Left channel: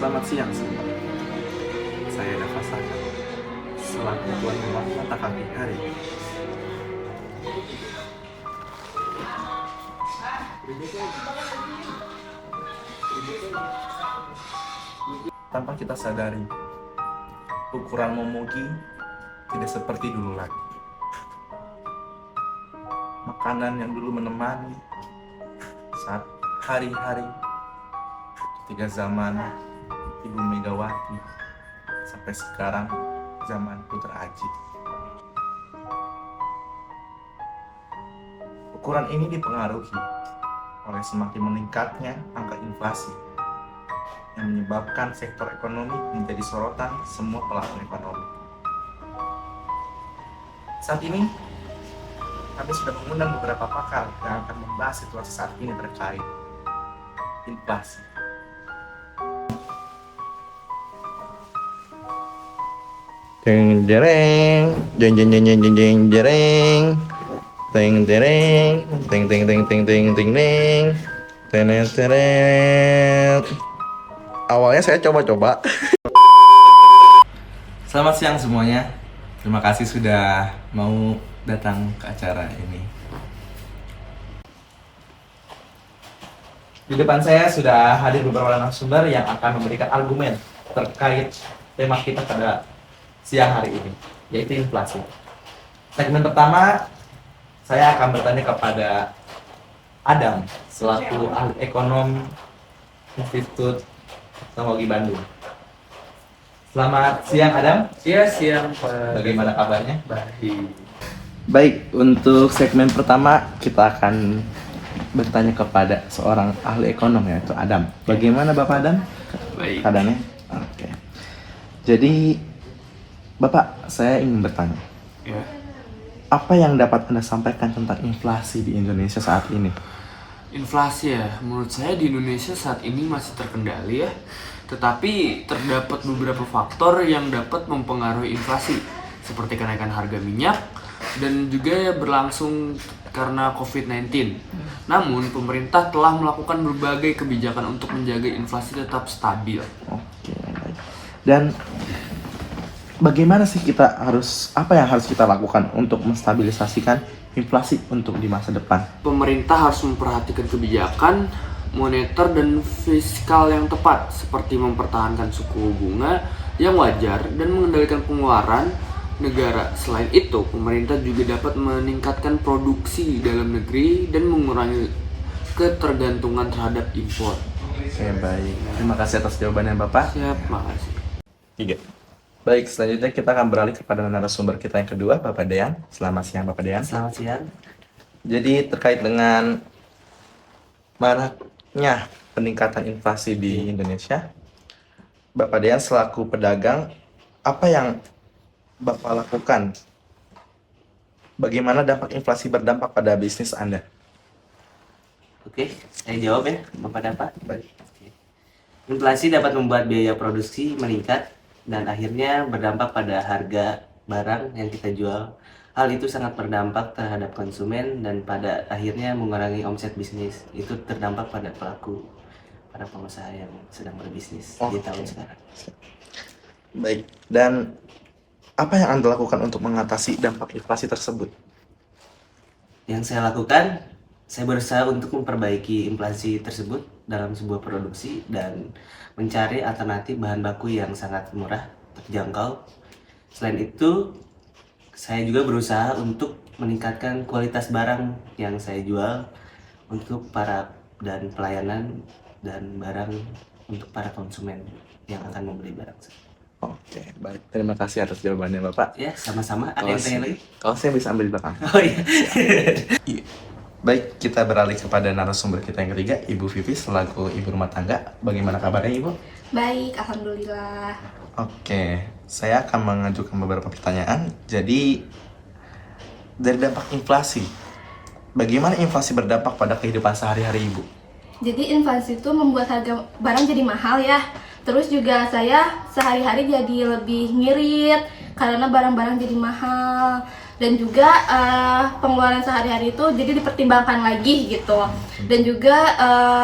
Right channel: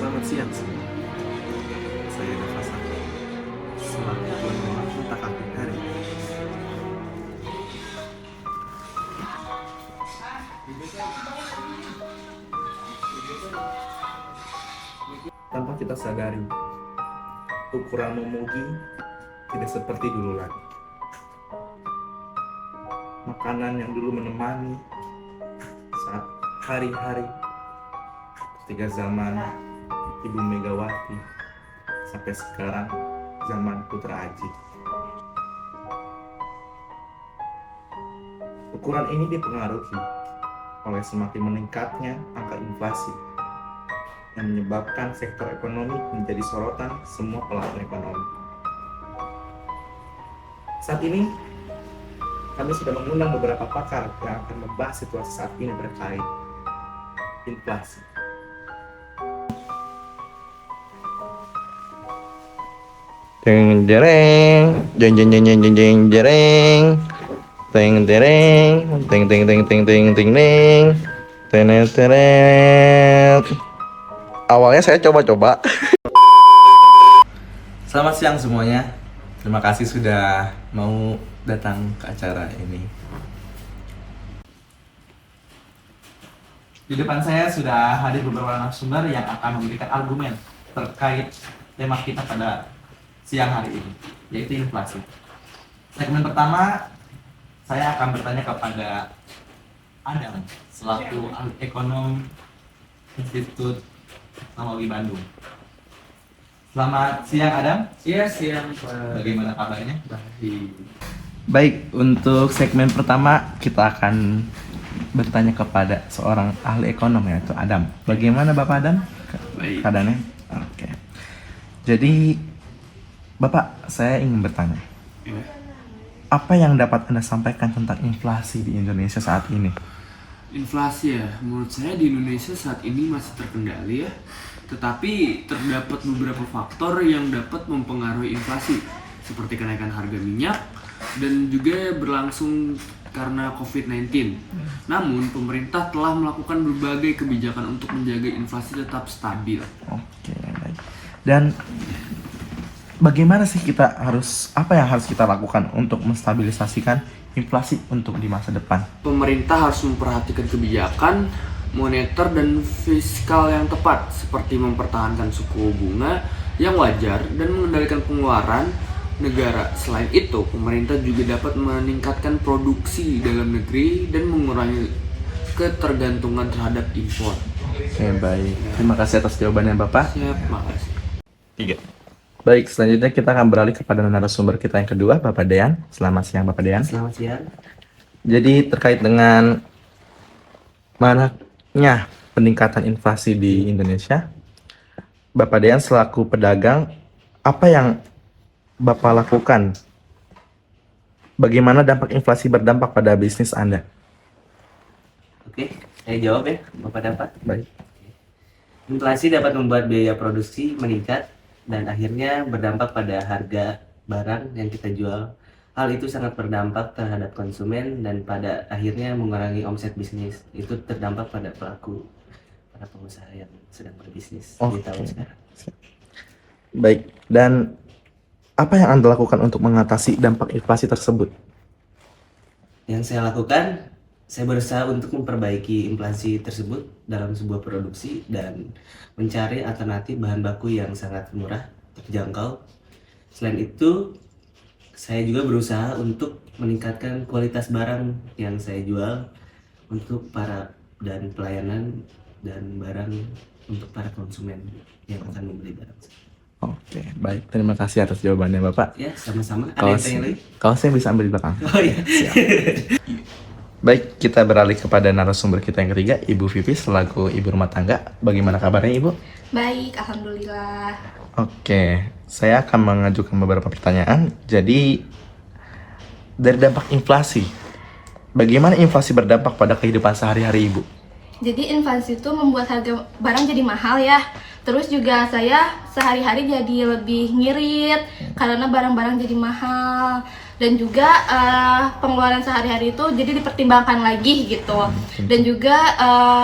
Selamat siang semua. Saya Dava Saka, selaku tuan rumah mata kaki hari ini. Tanpa kita sadari, ukuran memuji tidak seperti dulu lagi. Makanan yang dulu menemani saat hari-hari ketika zaman Ibu Megawati sampai sekarang zaman Putra Aji. Ukuran ini dipengaruhi oleh semakin meningkatnya angka inflasi yang menyebabkan sektor ekonomi menjadi sorotan semua pelaku ekonomi. Saat ini kami sudah mengundang beberapa pakar yang akan membahas situasi saat ini terkait inflasi. Jeng jereng, jeng jeng jeng jeng jeng jeng jereng, teng jereng, teng teng teng teng teng teng teng, tenet teret. Awalnya saya coba-coba. Selamat siang semuanya. Terima kasih sudah mau datang ke acara ini. Di depan saya sudah hadir beberapa narasumber yang akan memberikan argumen terkait tema kita pada siang hari ini, yaitu inflasi. Segmen pertama, saya akan bertanya kepada Adam, selaku ahli ekonom Institut Teknologi Bandung. Selamat siang Adam. Siang Pak. Bagaimana kabarnya? Baik. Baik, untuk segmen pertama kita akan bertanya kepada seorang ahli ekonom, yaitu Adam. Bagaimana Bapak Adam? Baik. Keadaannya? Oke. Jadi Bapak, saya ingin bertanya, Ya. apa yang dapat Anda sampaikan tentang inflasi di Indonesia saat ini? Inflasi ya, menurut saya di Indonesia saat ini masih terkendali ya. Tetapi terdapat beberapa faktor yang dapat mempengaruhi inflasi, seperti kenaikan harga minyak dan juga berlangsung karena COVID-19. Namun, pemerintah telah melakukan berbagai kebijakan untuk menjaga inflasi tetap stabil. Oke, baik. Dan bagaimana sih apa yang harus kita lakukan untuk menstabilisasikan inflasi untuk di masa depan? Pemerintah harus memperhatikan kebijakan moneter dan fiskal yang tepat, seperti mempertahankan suku bunga yang wajar dan mengendalikan pengeluaran negara. Selain itu, pemerintah juga dapat meningkatkan produksi dalam negeri dan mengurangi ketergantungan terhadap impor. Oke, baik. Terima kasih atas jawabannya Bapak. Siap, makasih. 3. Baik, selanjutnya kita akan beralih kepada narasumber kita yang kedua, Bapak Dean. Selamat siang Bapak Dean. Selamat siang. Jadi terkait dengan maraknya peningkatan inflasi di Indonesia, Bapak Dean selaku pedagang, apa yang Bapak lakukan? Bagaimana dampak inflasi berdampak pada bisnis Anda? Oke, saya jawab ya, Bapak dapat. Baik. Inflasi dapat membuat biaya produksi meningkat dan akhirnya berdampak pada harga barang yang kita jual. Hal itu sangat berdampak terhadap konsumen dan pada akhirnya mengurangi omset bisnis. Itu terdampak pada para pengusaha yang sedang berbisnis di tahun sekarang. Baik, dan apa yang Anda lakukan untuk mengatasi dampak inflasi tersebut? Yang saya lakukan, saya berusaha untuk memperbaiki inflasi tersebut dalam sebuah produksi dan mencari alternatif bahan baku yang sangat murah, terjangkau. Selain itu, saya juga berusaha untuk meningkatkan kualitas barang yang saya jual untuk dan pelayanan dan barang untuk para konsumen yang akan membeli barang saya. Oke, baik. Terima kasih atas jawabannya Bapak. Ya, sama-sama. Ada yang tanya lagi? Kalau saya bisa ambil di belakang. Oh iya. Baik, kita beralih kepada narasumber kita yang ketiga, Ibu Vivi selaku ibu rumah tangga. Bagaimana kabarnya Ibu? Baik, alhamdulillah. Oke, saya akan mengajukan beberapa pertanyaan. Jadi, dari dampak inflasi, bagaimana inflasi berdampak pada kehidupan sehari-hari Ibu? Jadi inflasi itu membuat harga barang jadi mahal ya. Terus juga saya sehari-hari jadi lebih ngirit karena barang-barang jadi mahal. Dan juga pengeluaran sehari-hari itu jadi dipertimbangkan lagi gitu. Dan juga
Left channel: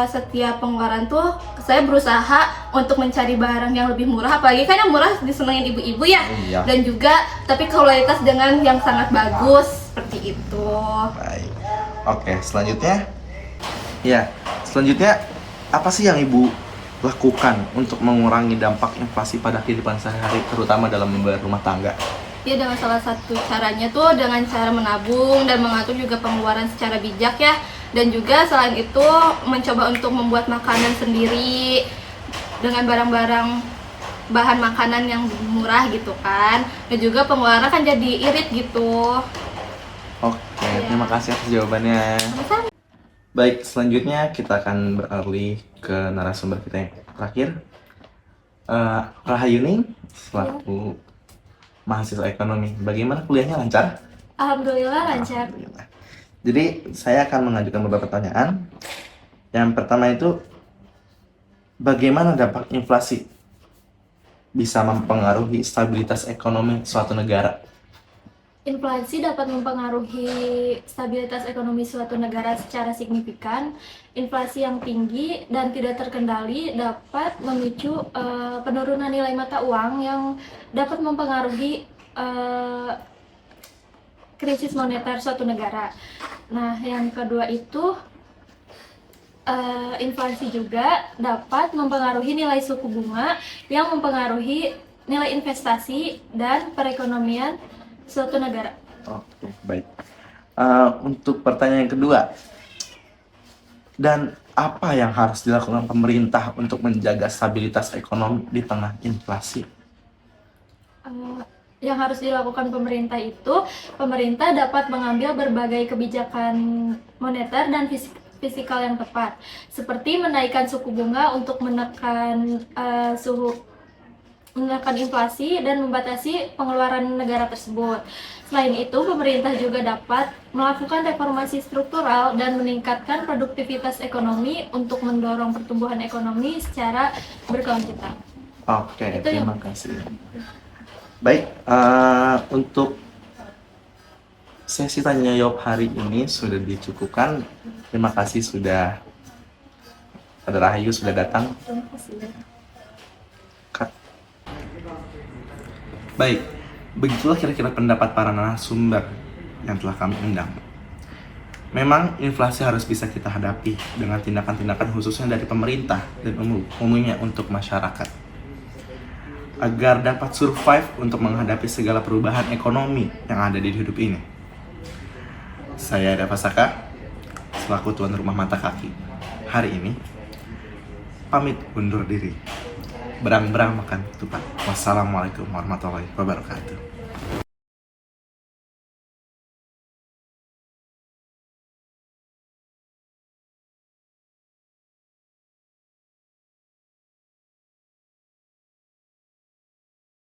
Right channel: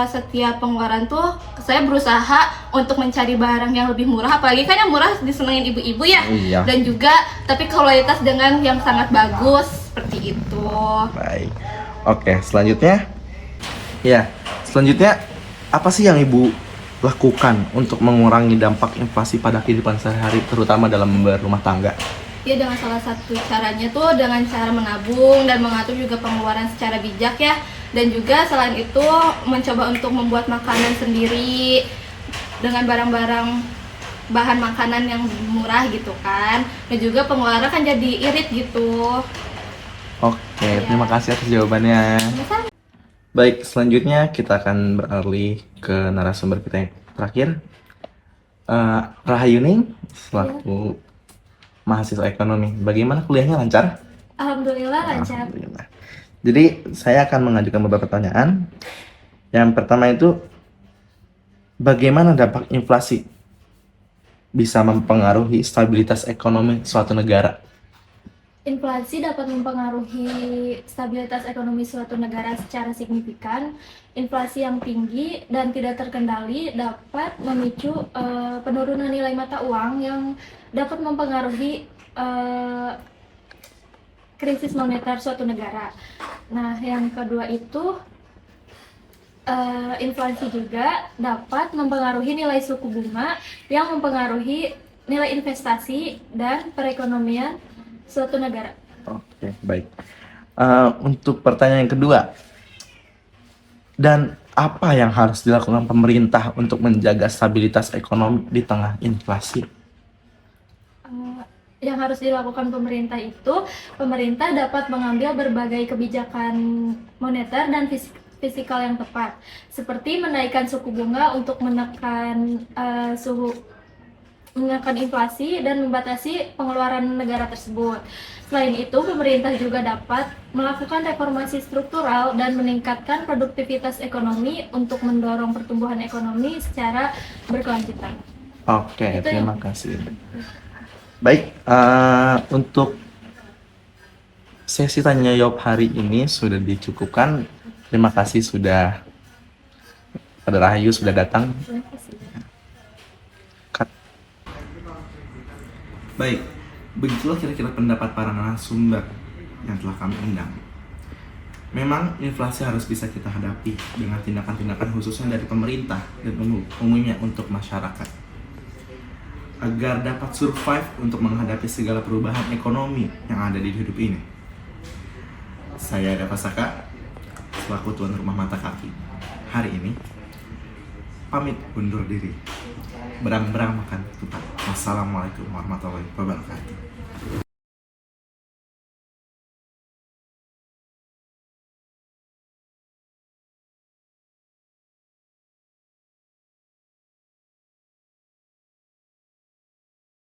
setiap pengeluaran tuh saya berusaha untuk mencari barang yang lebih murah, apalagi kan yang murah disenengin ibu-ibu ya. Iya. Dan juga tapi kualitas dengan yang sangat bagus seperti itu. Baik. Oke, selanjutnya. Ya, selanjutnya apa sih yang Ibu lakukan untuk mengurangi dampak inflasi pada kehidupan sehari-hari, terutama dalam membayar rumah tangga? Ya, dengan salah satu caranya tuh dengan cara menabung dan mengatur juga pengeluaran secara bijak ya. Dan juga selain itu mencoba untuk membuat makanan sendiri dengan barang-barang bahan makanan yang murah gitu kan. Dan juga pengeluaran kan jadi irit gitu. Oke, terima kasih atas jawabannya. Sama-sama. Baik, selanjutnya kita akan beralih ke narasumber kita yang terakhir. Rahayuni, selaku mahasiswa ekonomi, bagaimana kuliahnya, lancar? Alhamdulillah lancar. Alhamdulillah. Jadi saya akan mengajukan beberapa pertanyaan. Yang pertama itu, bagaimana dampak inflasi bisa mempengaruhi stabilitas ekonomi suatu negara? Inflasi dapat mempengaruhi stabilitas ekonomi suatu negara secara signifikan. Inflasi yang tinggi dan tidak terkendali dapat memicu penurunan nilai mata uang yang dapat mempengaruhi krisis moneter suatu negara. Nah, yang kedua itu inflasi juga dapat mempengaruhi nilai suku bunga yang mempengaruhi nilai investasi dan perekonomian suatu negara. Oke, baik. Untuk pertanyaan yang kedua, dan apa yang harus dilakukan pemerintah untuk menjaga stabilitas ekonomi di tengah inflasi? Yang harus dilakukan pemerintah itu, pemerintah dapat mengambil berbagai kebijakan moneter dan fiskal yang tepat, seperti menaikkan suku bunga untuk menekan inflasi dan membatasi pengeluaran negara tersebut. Selain itu, pemerintah juga dapat melakukan reformasi struktural dan meningkatkan produktivitas ekonomi untuk mendorong pertumbuhan ekonomi secara berkelanjutan. Oke, Itu terima kasih. Baik, untuk sesi tanya jawab hari ini sudah dicukupkan. Terima kasih sudah, Pada Rahayu sudah datang. Terima kasih. Baik, begitulah kira-kira pendapat para narasumber yang telah kami undang. Memang inflasi harus bisa kita hadapi dengan tindakan-tindakan khususnya dari pemerintah dan umumnya untuk masyarakat, agar dapat survive untuk menghadapi segala perubahan ekonomi yang ada di hidup ini. Saya Dava Saka, selaku tuan rumah mata kaki hari ini, pamit undur diri. Berang-berang makan ketupat. Wassalamualaikum warahmatullahi wabarakatuh.